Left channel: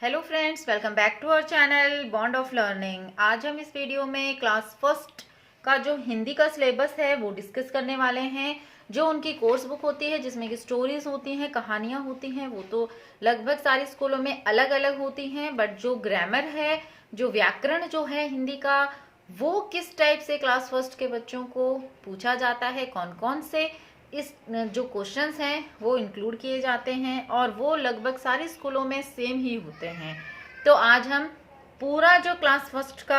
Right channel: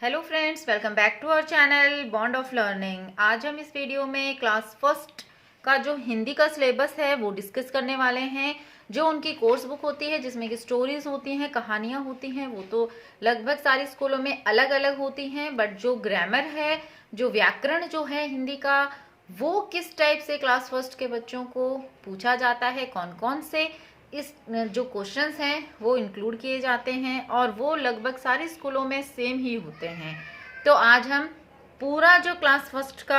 Hello friends, welcome back to our channel bond of learning. आज हम इस video में क्लास फर्स्ट का जो हिंदी का सिलेबस है वो डिस्कस करने वाले हैं। जो उनकी कोर्स बुक होती है जिसमें कि स्टोरीज होती हैं, कहानियां होती हैं, वो तो लगभग सारी स्कूलों में अलग अलग होती हैं। बट जो ग्रामर है, जो व्याकरण जो है हिंदी का, वो किस टाइप से क्लास फर्स्ट के बच्चों को पूछा जाता है, कौन कौन से इस जो क्वेश्चंस हैं वो इंक्लूड किए जाते हैं और वो लगभग सारे स्कूलों में सेम ही होते हैं। तो आज हम पूरा जो क्लास फर्स्ट का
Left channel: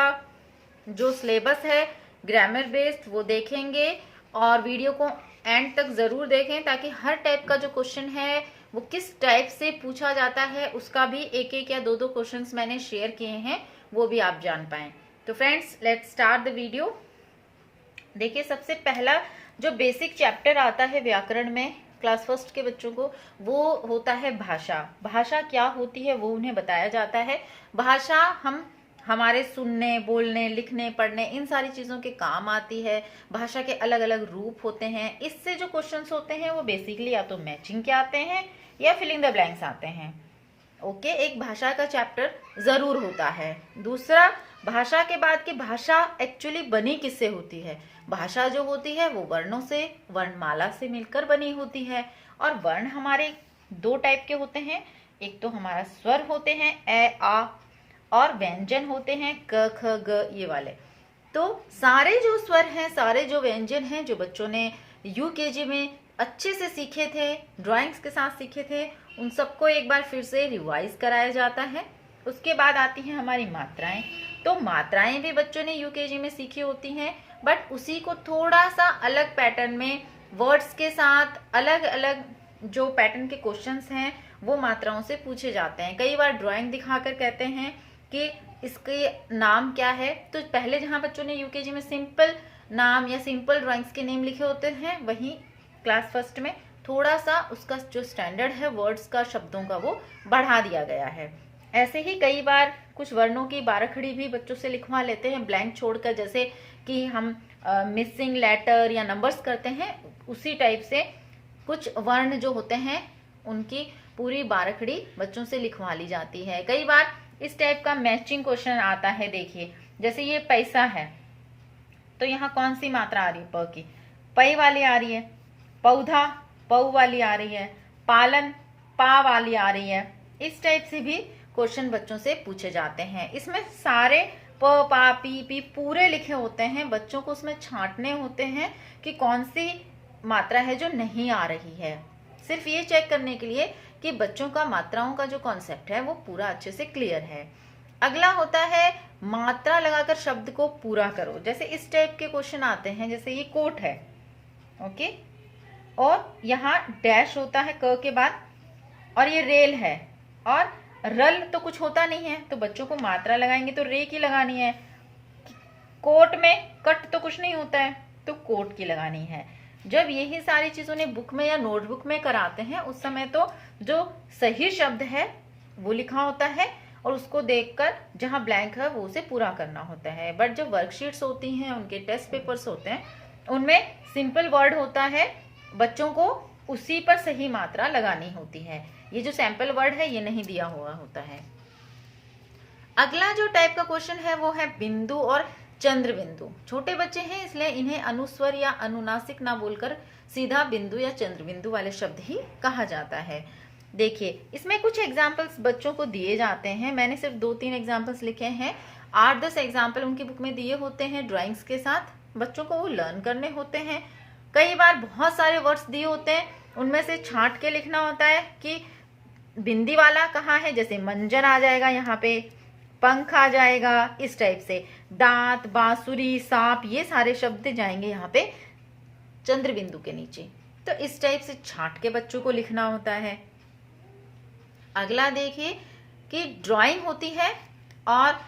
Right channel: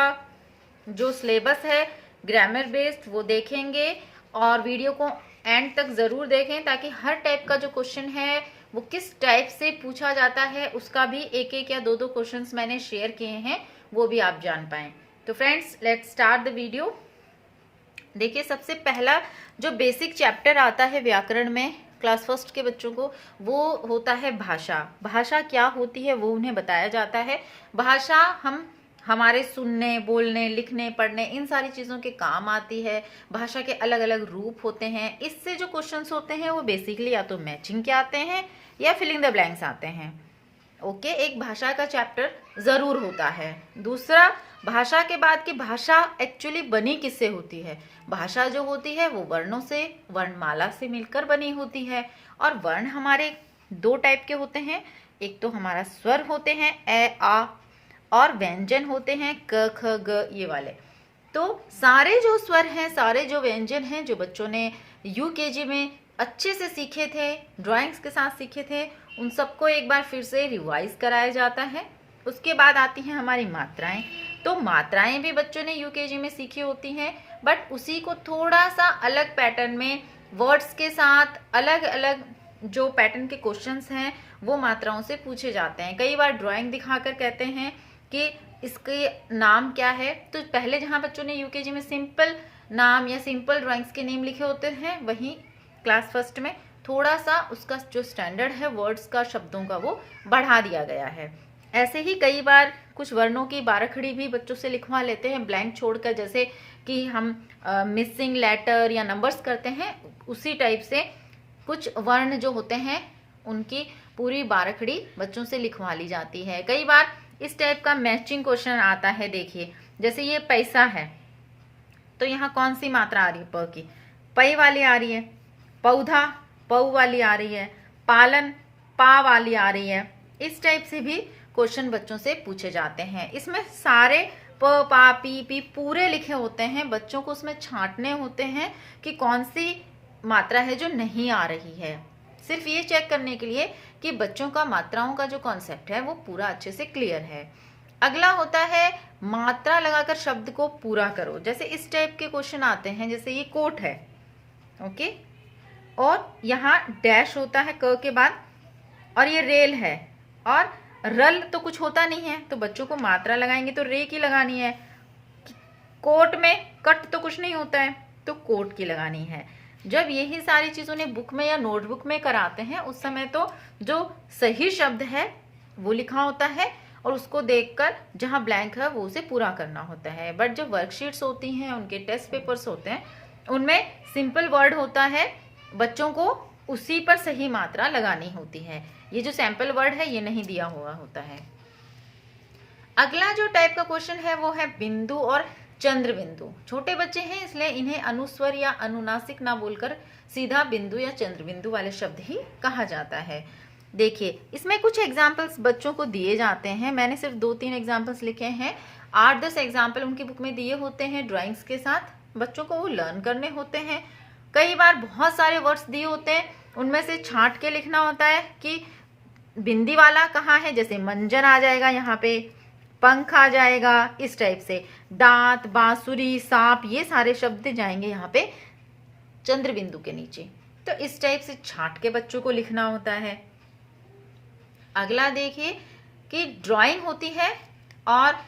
जो सिलेबस है ग्रामर बेस्ड वो देखेंगे और वीडियो को एंड तक जरूर देखें ताकि हर टाइप का जो क्वेश्चन है वो किस टाइप से पूछा जाता है उसका भी एक एक या दो दो क्वेश्चंस मैंने शेयर किए हैं, वो भी आप जान पाएं। तो friends, let's start the video. देखिए, सबसे पहला जो बेसिक चैप्टर आता है व्याकरण में क्लास फर्स्ट के बच्चों को, वो होता है भाषा। भाषा क्या होती है वो उन्हें बताया जाता है। भाषा हमारे सुनने, बोलने, लिखने, पढ़ने, इन सारी चीजों के काम आती है। भाषा के अलग अलग रूप होते हैं। इससे जो क्वेश्चंस होते हैं वो बेसिकली या तो मैचिंग के आते हैं या फिलिंग द ब्लैंक्स आते हैं। ओके, एक भाषा का चैप्टर जरूर होता है। दूसरा, भाषा के बाद की भाषा एक्चुअली बनी किससे होती है। भाषा जो होती है वो वर्णों से, वर्णमाला से मिलकर बनी होती है। और वर्ण हमारे दो टाइप के होते हैं। एक तो हमारा स्वर होते हैं ए आ, और व्यंजन होते हैं क ख ग, ये वाले। तो सारे जो स्वर हैं, सारे जो व्यंजन हैं जो बच्चों ने यूकेजी में अच्छे से सीखे थे, ड्राइंग्स के साथ सीखे थे, उन सबको एक बार फिर से रिवाइज कराया जाता है। उसके बाद आती हैं हमारी मात्राएं। तो मात्राएं भी बच्चों ने यूकेजी में सीखी होती हैं, बट उसी को थोड़ा सा अलग पैटर्न में वर्ड्स के साथ अलग अलग जो पैटर्न के क्वेश्चंस हैं वो मात्राओं से पूछे जाते हैं। कई बार ड्राइंग दिखाकर कहते हैं कि इसके नाम क्या है। तो पहले जहां बच्चों ने यूकेजी में सिंपल नाम या सिंपल ड्राइंग्स के नेम लिखे होते हैं, वहीं क्लास फर्स्ट में थोड़ा सा उसका जो स्टैंडर्ड है वर्ड्स का, शब्दों का, वो बढ़ा दिया गया है। ऐसे ही कई बार कुछ वर्णों की बारहखड़ी भी बच्चों से लिखवा लेते हैं ब्लैंक छोड़कर, जैसे कि हम मिसिंग लेटर या नंबर्स करते हैं, उसी टाइप से कुछ वर्ण जो होते हैं उनकी पूरी बारहखड़ी बच्चों से लिखवा ली जाती है। कई बार इस टाइप का मैचिंग क्वेश्चन आता है। देखिए, जैसे ये पैसा है तो यहाँ कौन सी मात्रा आ रही है, प की, पै वाली आ रही है। पौधा पौ वाली आ रही है। पालन पा वाली आ रही है। इस टाइप से भी क्वेश्चन बच्चों से पूछे जाते हैं। इसमें सारे प पा पी पी पूरे लिखे होते हैं। बच्चों को उसमें छांटने होते हैं कि कौन सी मात्रा है जो नहीं आ रही है, सिर्फ ये चेक करने के लिए कि बच्चों का मात्राओं का जो कॉन्सेप्ट है वो पूरा अच्छे से क्लियर है। अगला होता है मात्रा लगाकर शब्द को पूरा करो। जैसे इस टाइप के क्वेश्चन आते हैं, जैसे ये कोट है, ओके, और यहाँ डैश होता है क के बाद, और ये रेल है, और रल तो कुछ होता नहीं है, तो बच्चों को मात्रा लगाएंगे तो रे की लगानी है। कोट में कट तो कुछ नहीं होता है, तो कोट की लगानी है। जब यही सारी चीजों ने बुक में या नोटबुक में कराते हैं उस समय तो जो सही शब्द है वो लिखा होता है और उसको देखकर जहां ब्लैंक है वो उसे पूरा करना होता है। बट जब वर्कशीट्स होती हैं, उनके टेस्ट पेपर्स होते हैं, उनमें सिंपल वर्ड होता है, बच्चों को उसी पर सही मात्रा लगानी होती है। ये जो सैंपल वर्ड है ये नहीं दिया हुआ होता है। अगला जो टाइप का क्वेश्चन है वो है बिंदु और चंद्र बिंदु। छोटे बच्चे हैं इसलिए इन्हें अनुस्वर या अनुनासिक ना बोलकर सीधा बिंदु या चंद्र बिंदु वाले शब्द ही कहा जाता है। देखिए, इसमें कुछ एग्जाम्पल्स बच्चों को दिए जाते हैं। मैंने सिर्फ 2-3 एग्जाम्पल्स लिखे हैं। 8-10 एग्जाम्पल उनकी बुक में दिए होते हैं ड्राइंग्स के साथ, बच्चों को वो लर्न करने होते हैं। कई बार बहुत सारे वर्ड्स दिए होते हैं, उनमें से छांट के लिखना होता है कि बिंदी वाला कहाँ है। जैसे मंजन आ जाएगा यहाँ पे, पंख आ जाएगा, इस टाइप से दांत, बांसुरी, सांप, ये सारे शब्द जाएंगे यहाँ पे चंद्र बिंदु के नीचे। तो इस टाइप से छांट के बच्चों को लिखना होता है। अगला देखिए कि ड्राइंग होती है और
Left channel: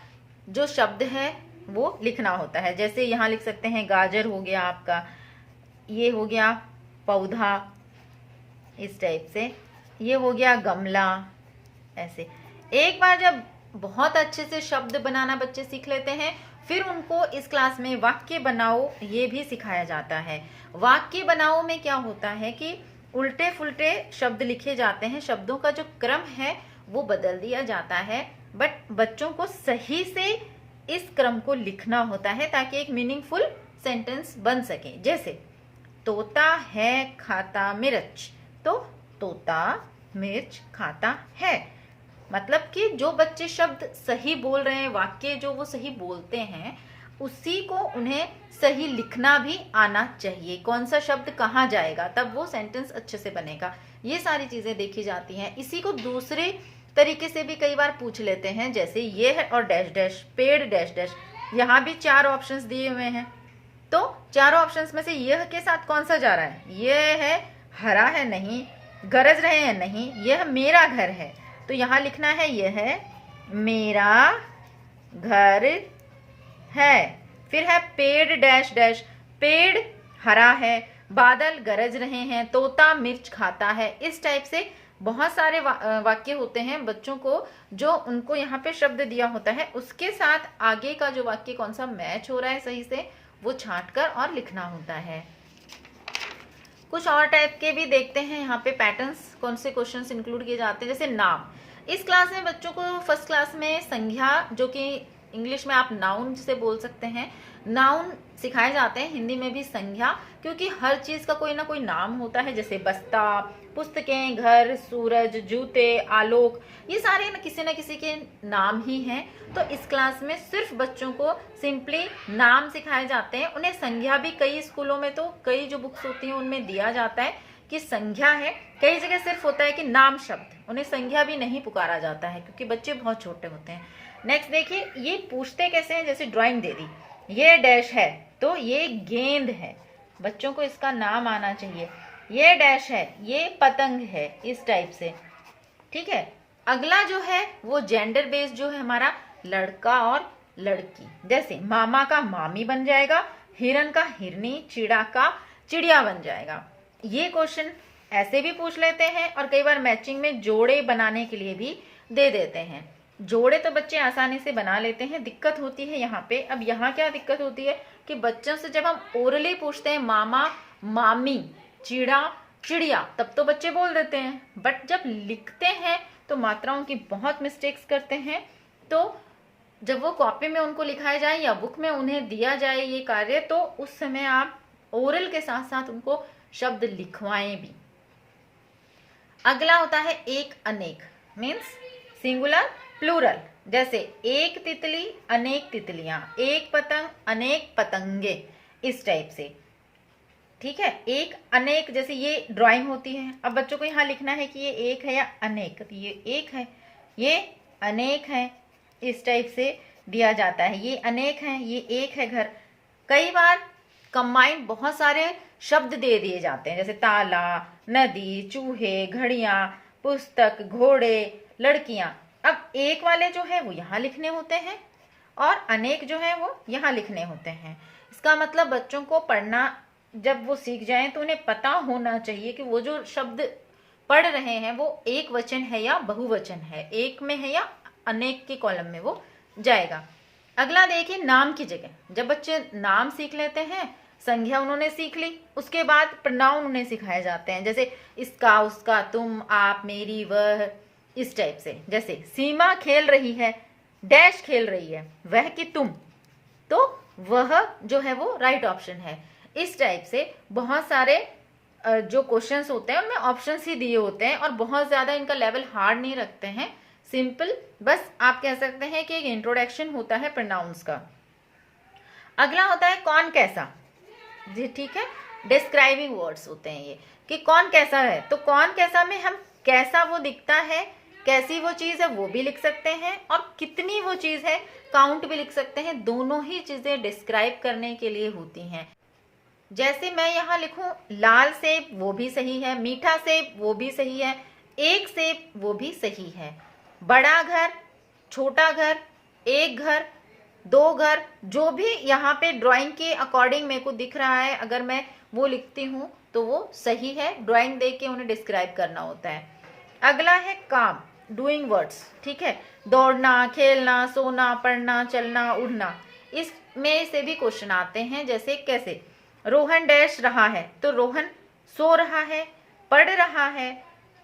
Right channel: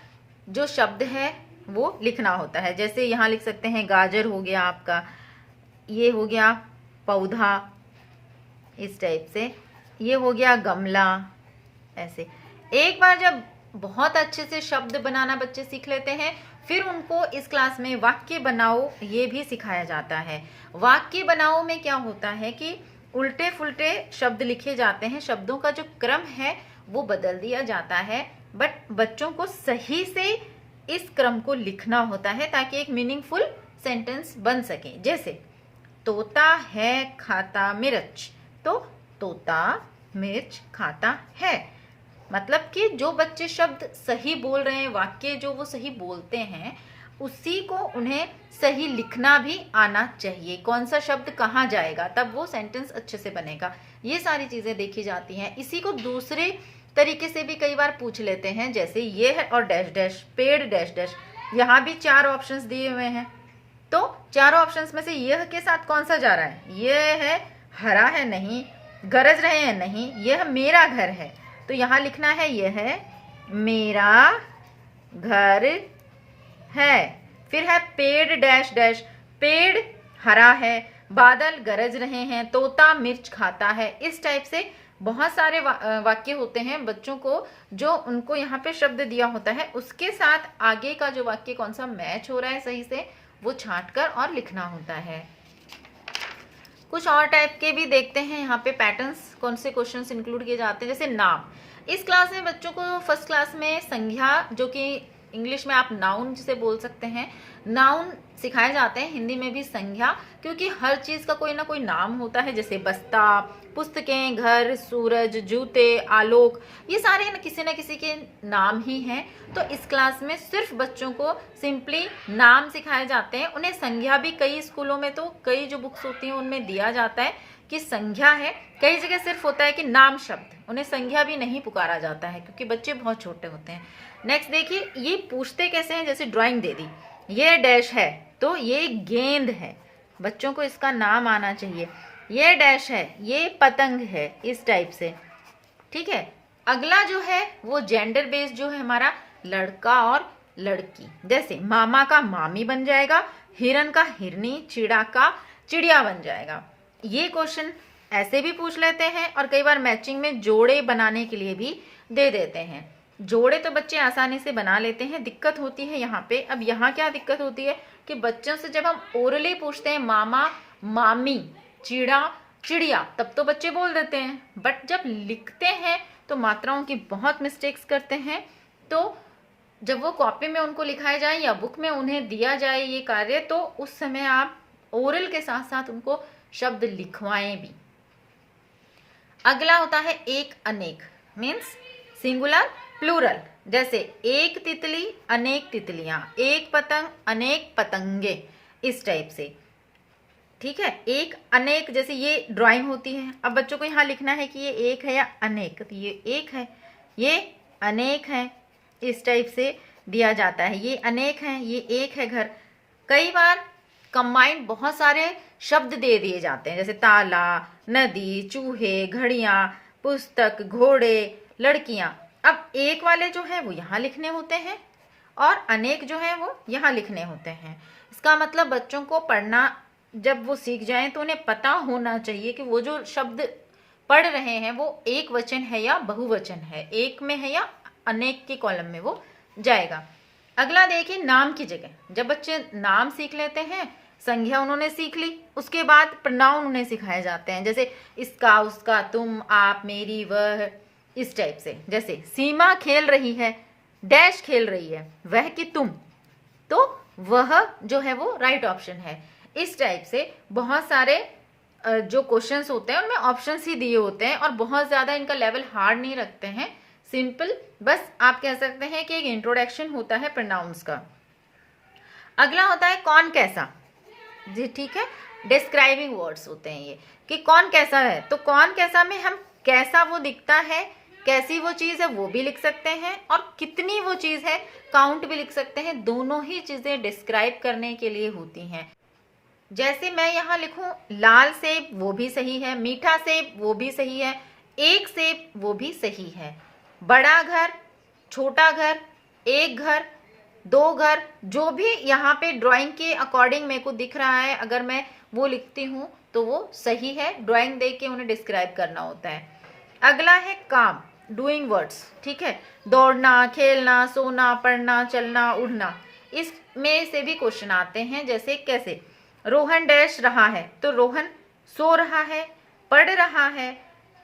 जो शब्द है वो लिखना होता है। जैसे यहाँ लिख सकते हैं गाजर हो गया आपका, ये हो गया पौधा, इस टाइप से, ये हो गया गमला। ऐसे एक बार जब बहुत अच्छे से शब्द बनाना बच्चे सीख लेते हैं, फिर उनको इस क्लास में वाक्य बनाओ ये भी सिखाया जाता है। वाक्य बनाओ में क्या होता है कि उल्टे फुल्टे शब्द लिखे जाते हैं। शब्दों का जो क्रम है वो बदल दिया जाता है, बट बच्चों को सही से इस क्रम को लिखना होता है ताकि एक मीनिंगफुल सेंटेंस बन सके। जैसे तोता है खाता मिर्च, तो तोता मिर्च खाता है। मतलब कि जो बच्चे शब्द सही बोल रहे हैं, वाक्य जो वो सही बोलते हैं, उसी को उन्हें सही लिखना भी आना चाहिए। कौन सा शब्द कहाँ जाएगा, तब वो सेंटेंस अच्छे से बनेगा। ये सारी चीजें देखी जाती हैं। इसी को दूसरे तरीके से भी कई बार पूछ लेते हैं, जैसे ये है और डैश डैश, पेड़ डैश डैश। यहाँ भी 4 ऑप्शंस दिए हुए हैं, तो चारों ऑप्शंस में से यह के साथ कौन सा जा रहा है? यह है हरा है, नहीं। गरज रहे हैं, नहीं। यह मेरा घर है, तो यहाँ लिखना है यह है मेरा घर है। फिर है पेड़ डैश डैश, पेड़ हरा है, बादल गरज रहे हैं, तोता मिर्च खाता है। इस टाइप से बहुत सारे वाक्य होते हैं बच्चों को, जो उनको यहाँ पे शब्द दिया होता है, उसके साथ आगे का जो वाक्य कौन सा मैच हो रहा है सही से, वो छांट कर और लिखना होता है। कुछ और टाइप के भी देखते हैं यहाँ पे पैटर्न्स, कौन से क्वेश्चंस इंक्लूड किए जाते हैं। जैसे नाम, इस क्लास में बच्चों को फर्स्ट क्लास में संज्ञा, जो कि इंग्लिश में आप नाउन जिसे बोल सकते हैं, नाउन सिखाए जाते हैं, हिंदी में भी संज्ञा, क्योंकि हर चीज का कोई ना कोई नाम होता है। जैसे बस्ता, पुस्तकें, घर, सूरज, जूते, आलोक, ये सारे किसी न किसी के नाम ही हैं। तो इस क्लास में सिर्फ बच्चों को सिंपली नाम सिखाए जाते हैं। उन्हें संज्ञा भी कई स्कूलों में, तो कई जो बुक्स होती हैं उनमें दिया जाता है कि संज्ञा है, कई जगह सिर्फ होता है कि नाम शब्द, उन्हें संज्ञा भी नहीं पुकारा जाता है क्योंकि बच्चे बहुत छोटे होते हैं। नेक्स्ट देखिए, ये पूछते कैसे हैं। जैसे ड्राइंग दे दी, ये डैश है, तो ये गेंद है, बच्चों को इसका नाम आना चाहिए। ये डैश है, ये पतंग है, इस टाइप से। ठीक है, अगला जो है वो जेंडर बेस्ड जो है हमारा, लड़का और लड़की। जैसे मामा का मामी बन जाएगा, हिरन का हिरनी, चिड़ा का चिड़िया बन जाएगा। ये क्वेश्चन ऐसे भी पूछ लेते हैं और कई बार मैचिंग में जोड़े बनाने के लिए भी दे देते हैं। जोड़े तो बच्चे आसानी से बना लेते हैं, दिक्कत होती है यहाँ पे। अब यहाँ क्या दिक्कत होती है कि बच्चों से जब हम ओरली पूछते हैं मामा मामी चिड़ा चिड़िया, तब तो बच्चे बोल देते हैं, बट जब लिखते हैं तो मात्राओं की बहुत मिस्टेक्स करते हैं। तो जब वो कॉपी में उनको लिखाए जाए या बुक में उन्हें दिया जाए ये कार्य, तो उस समय आप ओरल के साथ साथ उनको शब्द लिखवाएं भी। अगला होता है एक अनेक, मीन्स सिंगुलर प्लूरल। जैसे एक तितली अनेक तितलियां, एक पतंग अनेक पतंगे, इस टाइप से। ठीक है, एक अनेक, जैसे ये ड्राइंग होती है। अब बच्चों को यहाँ लिखना है कि ये एक है या अनेक, तो ये एक है, ये अनेक है, इस टाइप से दिया जाता है। ये अनेक है, ये एक है घर। कई बार कंबाइंड बहुत सारे शब्द दे दिए जाते हैं, जैसे ताला, नदी, चूहे, घड़ियां, पुस्तक, घोड़े, लड़कियां। अब एक वाले जो है वो यहाँ लिखने होते हैं और अनेक जो है वो यहाँ लिखने होते हैं। इसका मतलब बच्चों को पढ़ना जब वो सीख जाएं तो उन्हें पता होना चाहिए कि वो जो शब्द पढ़ रहे हैं वो एक वचन है या बहुवचन है, एक में है या अनेक के कॉलम में वो जाएगा। अगला देखिए, नाम की जगह जब बच्चे नाम सीख लेते हैं, संज्ञा उन्होंने सीख ली, उसके बाद प्रोनाउन उन्हें सिखाए जाते हैं। जैसे इसका, उसका, तुम, आप, मेरी, वह, इस टाइप से। जैसे सीमा खेल रही है, डैश खेल रही है, वह कि तुम, तो वह जो है वो राइट ऑप्शन है। इस टाइप से बहुत सारे जो क्वेश्चंस होते हैं उनमें ऑप्शंस ही दिए होते हैं और बहुत ज्यादा इनका लेवल हार्ड नहीं रखते हैं, सिंपल, बस आप कह सकते हैं कि एक इंट्रोडक्शन होता है प्रोनाउंस का। अगला होता है कौन कैसा जी। ठीक है, डिस्क्राइबिंग वर्ड्स होते हैं ये, कि कौन कैसा है। तो कौन कैसा में हम कैसा वो दिखता है, कैसी वो चीज है वो भी लिख सकते हैं, और कितनी वो चीज है काउंट भी लिख सकते हैं। दोनों ही चीजें डिस्क्राइब करने के लिए होती हैं। जैसे मैं यहाँ लिखूं लाल सेब, वो भी सही है, मीठा सेब वो भी सही है, एक सेब वो भी सही है, बड़ा घर, छोटा घर, एक घर, दो घर, जो भी यहाँ पे ड्राइंग के अकॉर्डिंग मेरे को दिख रहा है, अगर मैं वो लिखती हूँ तो वो सही है। ड्राइंग देख के उन्हें डिस्क्राइब करना होता है। अगला है काम, डूइंग वर्ड्स। ठीक है, दौड़ना, खेलना, सोना, पढ़ना, चलना, उड़ना, इसमें से भी क्वेश्चन आते हैं। जैसे कैसे, रोहन डैश रहा है, तो रोहन सो रहा है, पढ़ रहा है,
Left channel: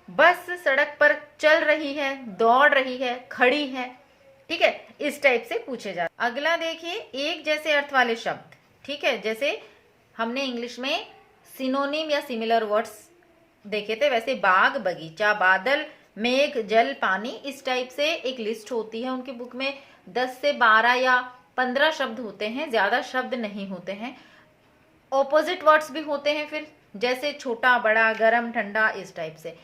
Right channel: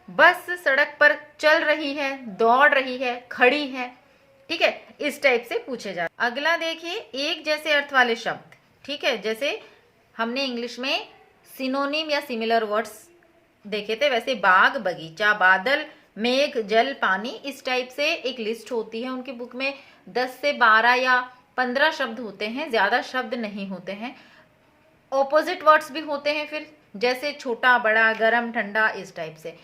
बस सड़क पर चल रही है, दौड़ रही है, खड़ी है। ठीक है, इस टाइप से पूछे जाते। अगला देखिए, एक जैसे अर्थ वाले शब्द। ठीक है, जैसे हमने इंग्लिश में सिनोनिम या सिमिलर वर्ड्स देखे थे, वैसे बाग, बगीचा, बादल, मेघ, जल, पानी, इस टाइप से एक लिस्ट होती है उनकी बुक में। 10 से 12 या 15 शब्द होते हैं, ज्यादा शब्द नहीं होते हैं। ऑपोजिट वर्ड्स भी होते हैं फिर, जैसे छोटा, बड़ा, गरम, ठंडा, इस टाइप से।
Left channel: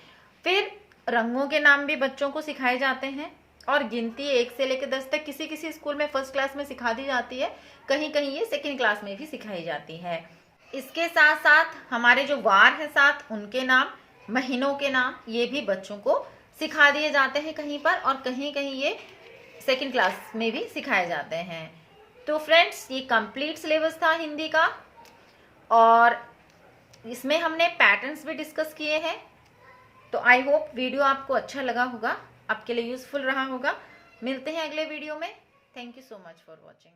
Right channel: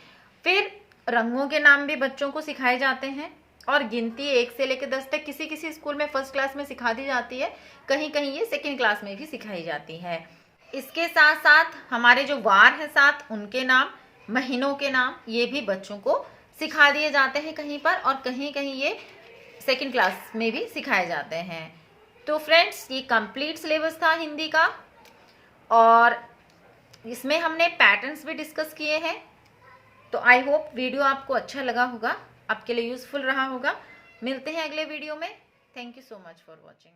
फिर रंगों के नाम भी बच्चों को सिखाए जाते हैं, और गिनती 1 से लेकर 10 तक किसी किसी स्कूल में फर्स्ट क्लास में सिखा दी जाती है, कहीं कहीं ये सेकेंड क्लास में भी सिखाई जाती है। इसके साथ साथ हमारे जो वार है 7, उनके नाम, महीनों के नाम, ये भी बच्चों को सिखा दिए जाते हैं कहीं पर, और कहीं कहीं ये सेकेंड क्लास में भी सिखाए जाते हैं। तो फ्रेंड्स, ये कंप्लीट सिलेबस था हिंदी का, और इसमें हमने पैटर्न्स भी डिस्कस किए हैं। तो आई होप वीडियो आपको अच्छा लगा होगा, आपके लिए यूजफुल रहा होगा। मिलते हैं अगले वीडियो में। Thank you so much for watching.